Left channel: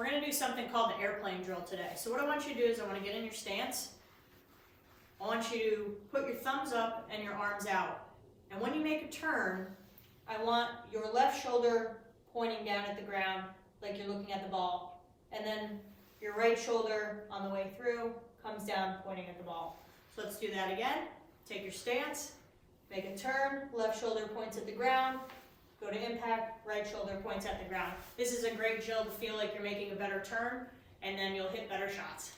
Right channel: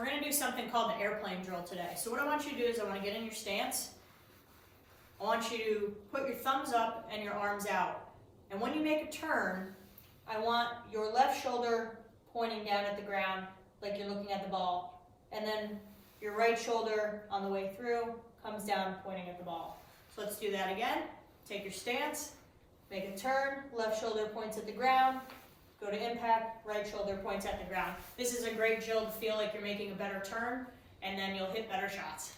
we're gonna do something called the airplane drill today. So what I want you to do is I wanna get in your stance. I want you to put your thumbs up and your arms out. And when you make a turn, I want your left shoulder pointing down at the ground like you're looking at the ball. And then your right shoulder on the way through comes down pointing at the ball. So let's do that again. Take your stance, make a turn, left shoulder points at the ground, go to impact, right shoulder points at the ground. This is a great drill to feel like you're making a better turn, and then you'll hit better shots.